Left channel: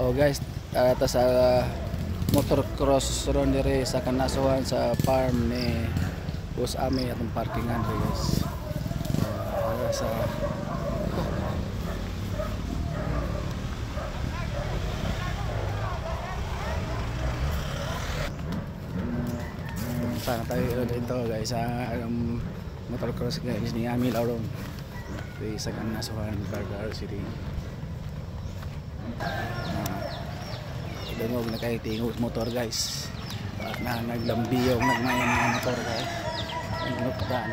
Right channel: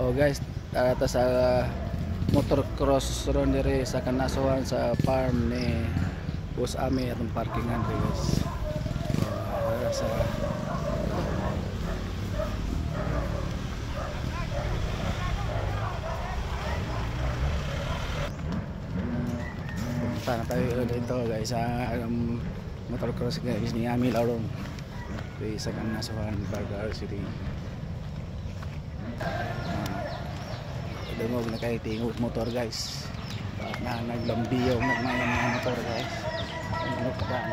Oh guys, ata sa motocross ron diri sa kanasuhan sa farm ni Boss Ami atong parkingan diri guys. Sa sana tayo dito guys sa motocross guys ni Ami Lauron sa kanasuhan Barbar City. Dungog na kay tingog motor guys. Na naglambiyong nagmayon mga motor guys. Ano pa ba?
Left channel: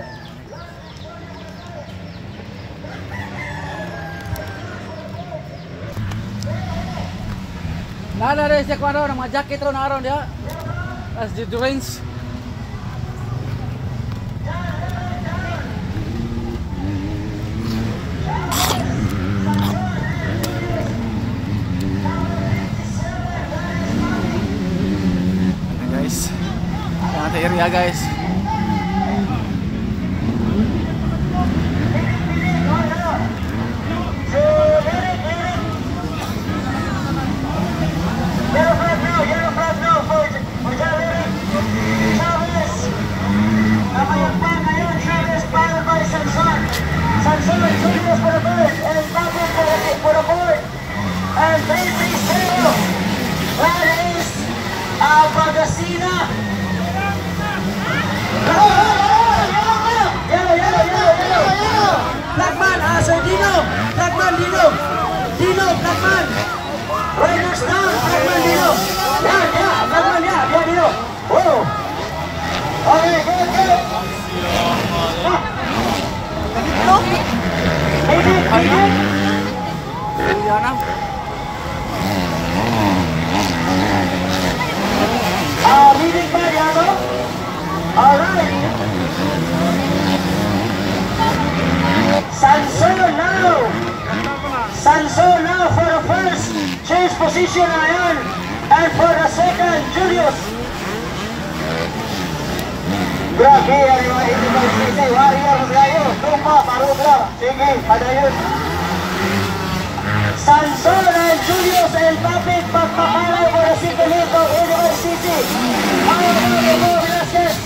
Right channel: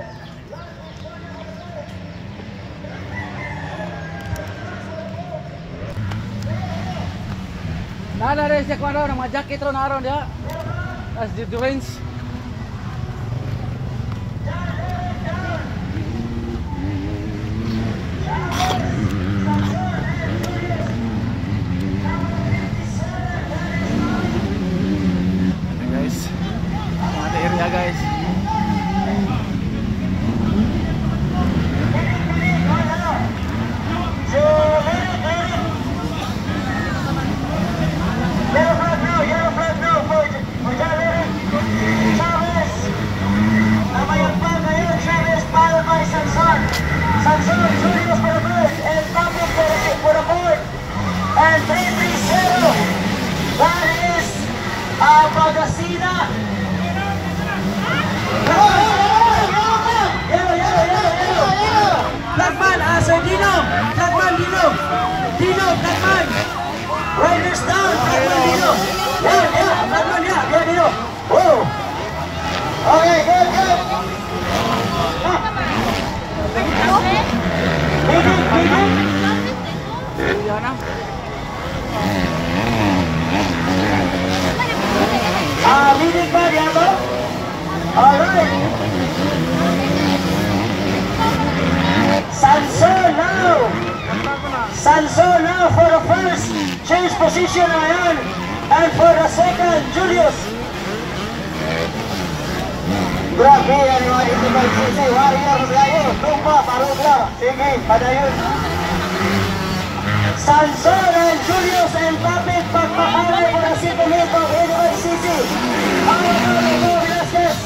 Nana rin siya kung ano, mga jacket ron na aron dia. As the range. Area guys. Yellow flag now for Jaleric Chavez. Chavez followed by Sanson. Sanson, Julius for the bird, and Captain for the bird. And 3-3-0. That is Albagasina. Flagman, Sir Dino, Flagman Dino, Flagman. Riders down, Flagman Dino. Flagman, Dino. Whoa. Okay, go. Leading by Diego. All right. Sanson now for the first change position Ayan, and for the second Julius. Grabe yan yung mga ito mag-sisi. Wari yan ang layo. Tupa, parubra. Sige, padayon. Sanson and Julius and Papit pagpakalay for the City of University. Ang mga Velasquez.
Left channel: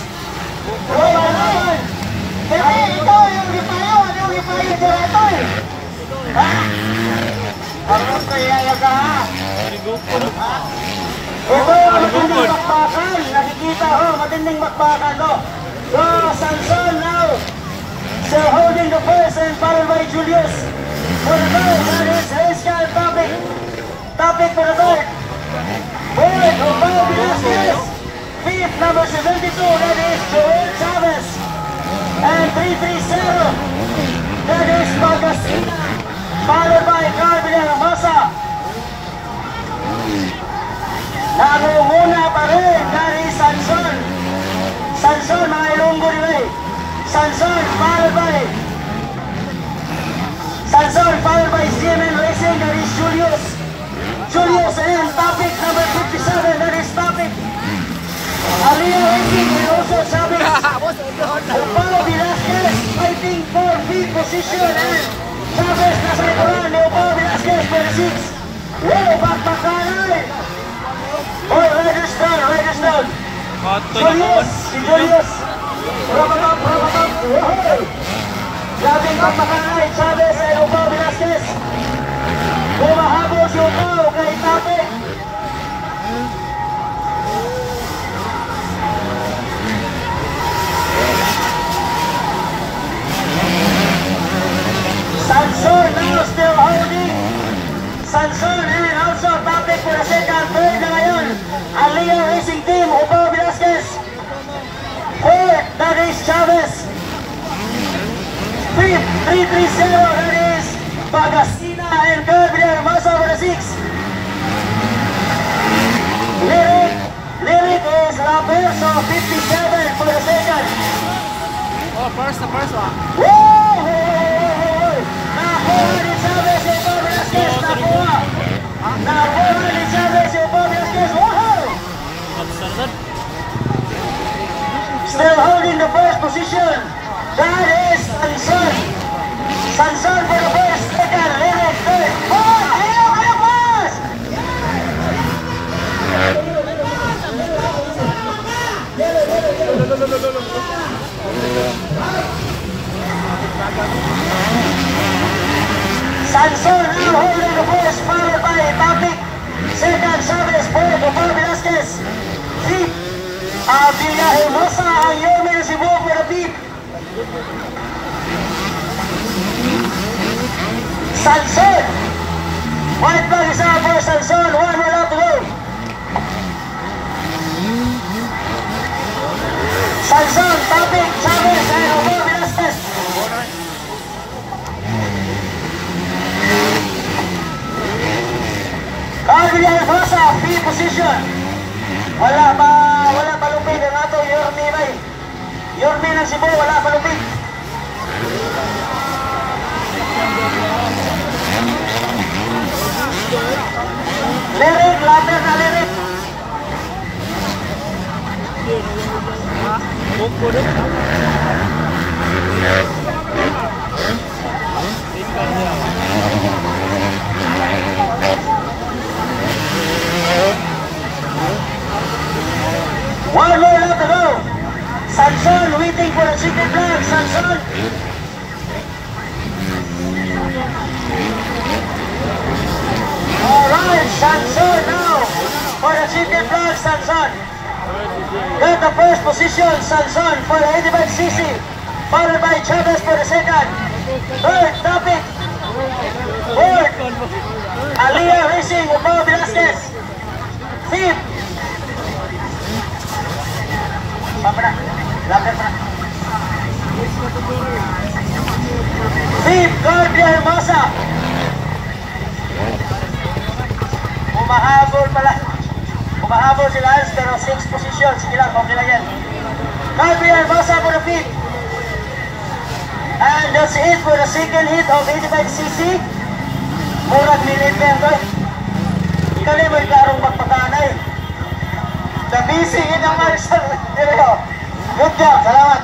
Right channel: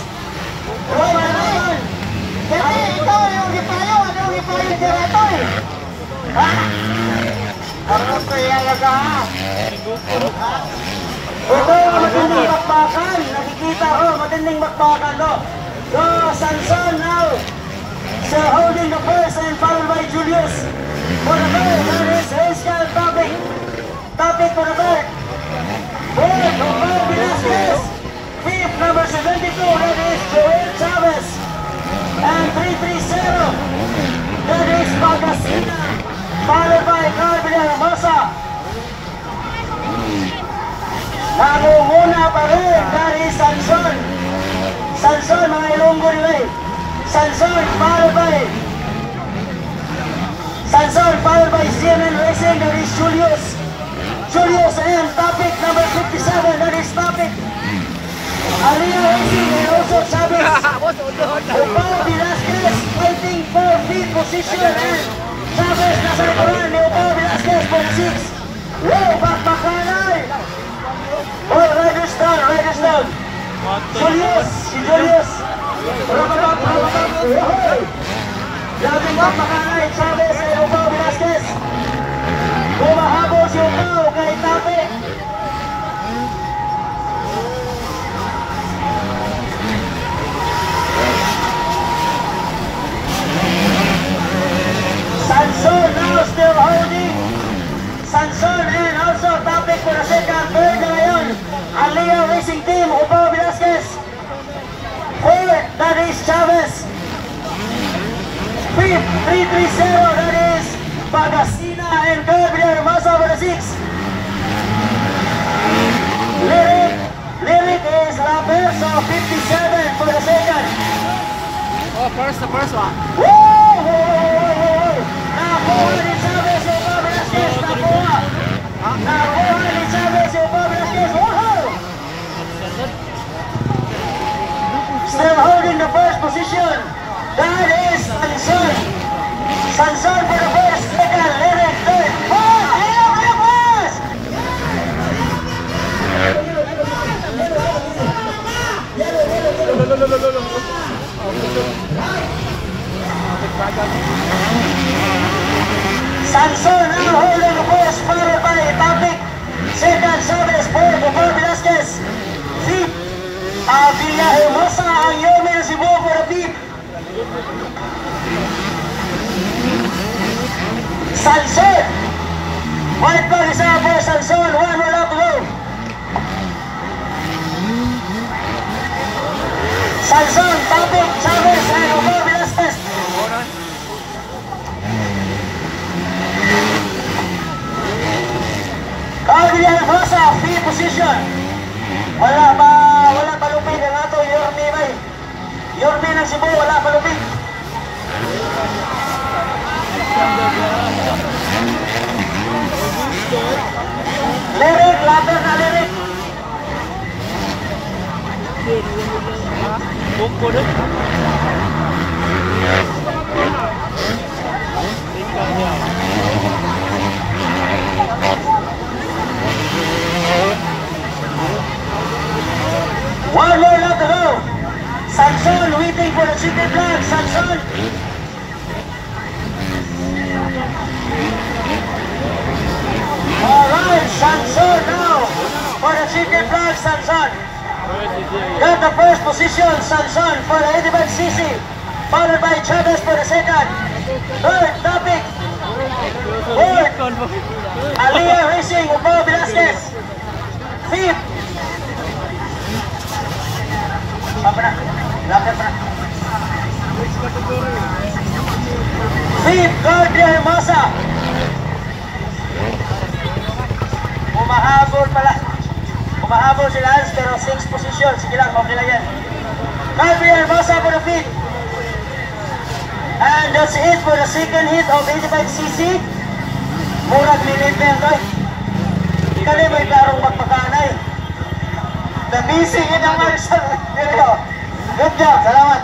Roman. Kaya ito yung ipayo. Anong ipayo dito eh? Ha? Arap kaya yaga ha? Ito yung matinding bakbakan. Nakikita ho, matinding bakbakan ho. So, Sanson now. So, holding the first and followed by Julius. For the bird, that is Haskell Topic for the bird. Bird, Omar Velasquez. Fifth, number 72, that is Joel Chavez. And 3-3-0, that is Balbasina. Followed by Carmen Hermosa. Nangunguna pa rin, that is Sanson. Sanson, mga ilonggo rin. Sanson, followed by CNN Racing, that is Julius. Julius and Topic, number 57, that is Topic. Aliyah Racing and also Chavez. Opalo Velasquez fighting for the position. Chavez nasa ikawan ni Opalo Velasquez for the 6. Wow, bakbakanay. Oh, riders down. Julius. Rababab. Wow. Grabing bakbakanay, Chavez and Opalo Velasquez. Bumahabol si Opalo kay Topic. Sanson now still holding. Sanson and also Topic for the second. Third na ngayon. Aliyah Racing Team, Opalo Velasquez. Fourth, that is Chavez. Fifth, 3-3-0, that is Bagasina and Gabriel Hermosa for the 6. Lyric is Laberso, 57 for the second. Oh, first one. Nakuha ni Chavez yung Opalo Velasquez. Nakuha ni Chavez yung Opalo Velasquez. Wow! Still holding the first position. That is Sanson. Sanson for the first, second, Lyric third. Wow! Boys! Sanson. White flag is out for Sanson. 1 wala to go. Sanson, topic, Chavez, and Romeo Velasquez. Adrian Rosa, P position. Wala pa lupig ang ato, Yormi May. Yormi ng Cebu, wala pa lupig. Lirik, lapit na lirik. One more lap to go. Sanson waiting for the secret flag. Sanson. Alright, Sanson now for the secret flag. Sanson. Got the first position. Sanson for the 85cc. Followed by Chavez for the second. Third, topic. Fourth, Aliyah Racing, Romeo Velasquez. Fifth, Fifth, Gabriel Hermosa. Humahabol sila Hans, pero 6 position. Sige lang, okay lang yan. Gabriel Hermosa for the fifth. And that's it for the second hit of 85cc. Murag milit na yan, kali may karong magpakanay. The busy in the marshal. Good job. Salamat.